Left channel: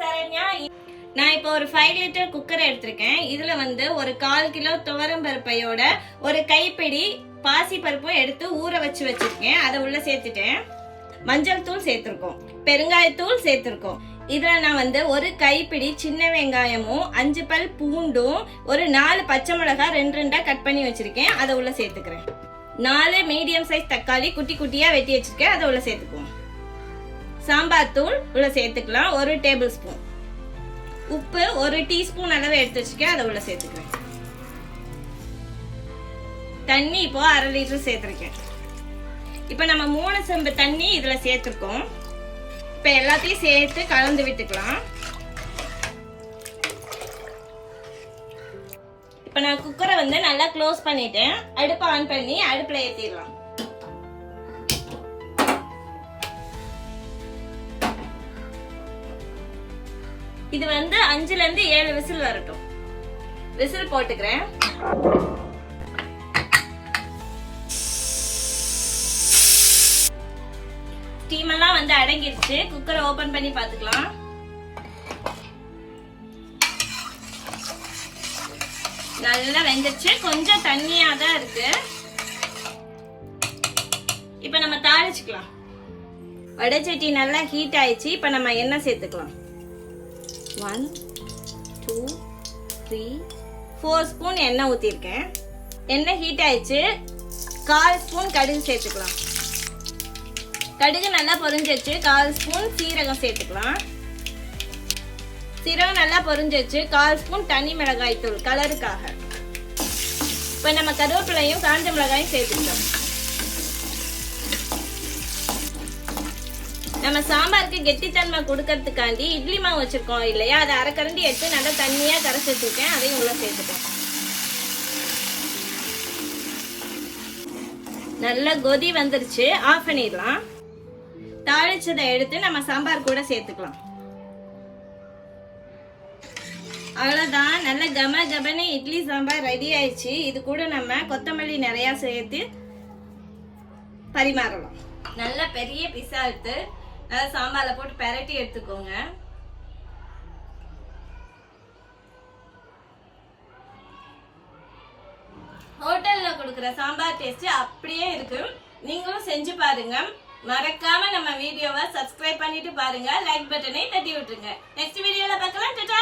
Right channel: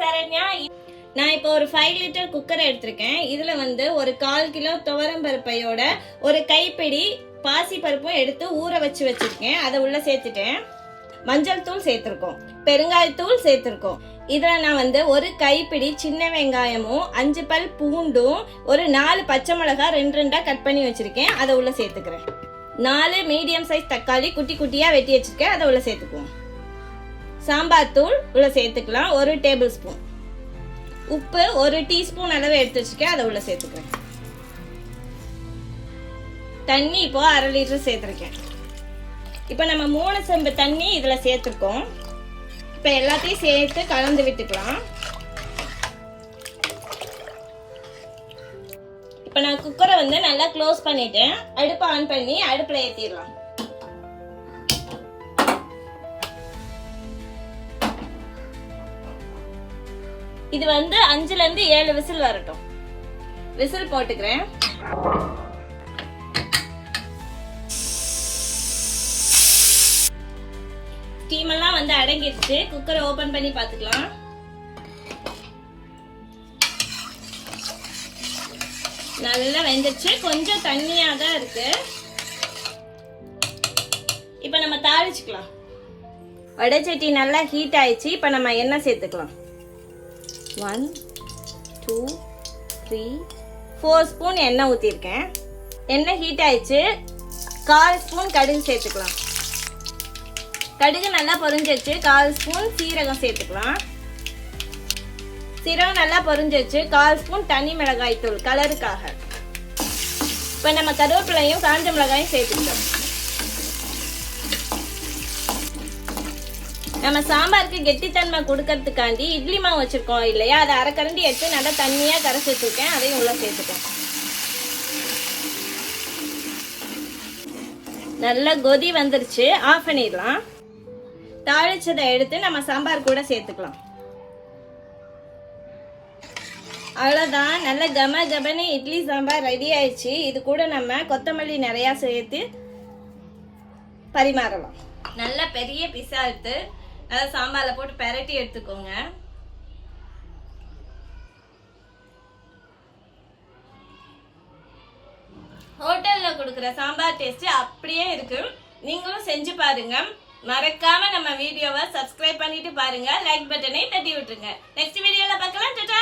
சரண்யா. நான் இப்போ ஒரு 5 லிட்டர் குக்கர் எடுத்திருக்கேன். இதுல வந்து ஒரு 1/4 கிலோ துவரம் பருப்பையோட ஒரு கைப்பிடி பாசி பருப்பும் எடுத்து ஊற வச்சிருக்கேன். அதை உள்ள சேர்த்துட்டேன். மஞ்சள் தூள் சேர்த்திருக்கோம், பெருங்காயத்தூள் சேர்த்திருக்கோம். இதுல நான் வந்து ஒரு கைப்பிடி சின்ன வெங்காயமும் 5 பல் பூண்டும் ஒரு 4 பச்சை மிளகாய் 2 கட் பண்ணி வச்சிருக்கேன். அதை உள்ள சேர்த்துக்கிறேன். 4 மீடியம் சைஸ் தக்காளி குட்டி குட்டியா வெட்டி வச்சிருக்கேன். அதை உள்ள சேர்த்துக்குவோம். சாம்பார் தூள் உள்ள சேர்த்துக்கலாம், 1 டேபிள் ஸ்பூன். உப்பு 1 டீஸ்பூன் அளவு எடுத்து வச்சிருக்கேன். அதை உள்ள சேர்த்துக்கிறேன். தண்ணி இப்போ 1/2 லிட்டர் சேர்த்திருக்கேன். இப்ப நம்ம 3 செம்பு தண்ணி இதுல சேர்த்திருக்கோம். இப்ப எல்லாத்தையும் சேர்த்து கலந்து விட்டுக்கலாம். இப்ப நான் குக்கரை வந்து நல்லா க்ளோஸ் பண்ணிட்டேன். அடுப்பை ஆன் பண்ணி அடுப்புல ஏத்திடலாம். இது வந்து 5ல இருந்து 7 விசில் வரட்டும். விசில் போட்டுக்கிறேன். ஸ்டீம் எல்லாம் வந்து அடங்கிடுச்சு. குக்கரை ஓபன் பண்ணி பாத்துக்கலாம். நல்லா வெந்துச்சு. கொஞ்சம் தண்ணியா தான் இருக்கு. இப்ப நம்ம தாளிச்சுக்கலாம். வடைச்சட்டி நல்லா ஹீட் ஆயிடுச்சு. இப்ப நம்ம எண்ணெய் சேர்த்துக்கலாம். 1 2 3 4 ஸ்பூன் எண்ணெய் ஊத்திருக்கேன். எண்ணெய் ஹீட் ஆயிடுச்சு. 1/4 ஸ்பூன் கடுகு சேர்த்துக்கலாம். கடுகு நல்லா பொரிஞ்சிச்சு. 1/4 ஸ்பூன் சீரகம் சேர்த்துக்கலாம். சீரகம் நல்லா பொரிஞ்சிச்சு. 1/4 ஸ்பூன் தனி மிளகாய் தூள் கலருக்காக. இப்ப நம்ம கருவேப்பிலையும் காஞ்ச மிளகாயும் சேர்த்துக்கலாம். நம்ம சாம்பாருக்கு கெட்டித்தன்மை கொடுக்கறதுக்காண்டி இட்லி மாவு வச்சிருக்கோம் இல்லையா, அதை 1/2 கரண்டி எடுத்து நல்லா தண்ணியா கரைச்சி வச்சிருக்கேன். அதையும் உள்ள சேர்த்துட்டேன். நல்லா கொதி வந்துருச்சு. ஆஃப் பண்ணிடலாம். தாளிச்சதை எடுத்து நம்ம சாம்பார் கூட சேர்த்துக்கலாம். அவ்வளவுதான். நல்ல கம கபனி இட்லி சாம்பார் ரெடி ஆயிடுச்சு. இது கூட நம்ம கொத்தமல்லி நிறைய சேர்த்து பரிமாறலாம். நல்ல பெரிய பீஸா எடுத்து நல்லா சாம்பார்ல போட்டு பெரட்டி எடுத்துக்கோங்க. ஹோட்டல்ல கொடுக்குற சாம்பார் டேஸ்ட் அப்படியே இருக்கு. நீங்களும் செஞ்சு பாருங்க. மறக்காம நம்ம வீடியோவை சப்ஸ்கிரைப் பண்ணிட்டு பாருங்க. லைக் பட்டனை தட்டி விட்டுருங்க. நெக்ஸ்ட் வீடியோல பார்க்கலாம். டாடா.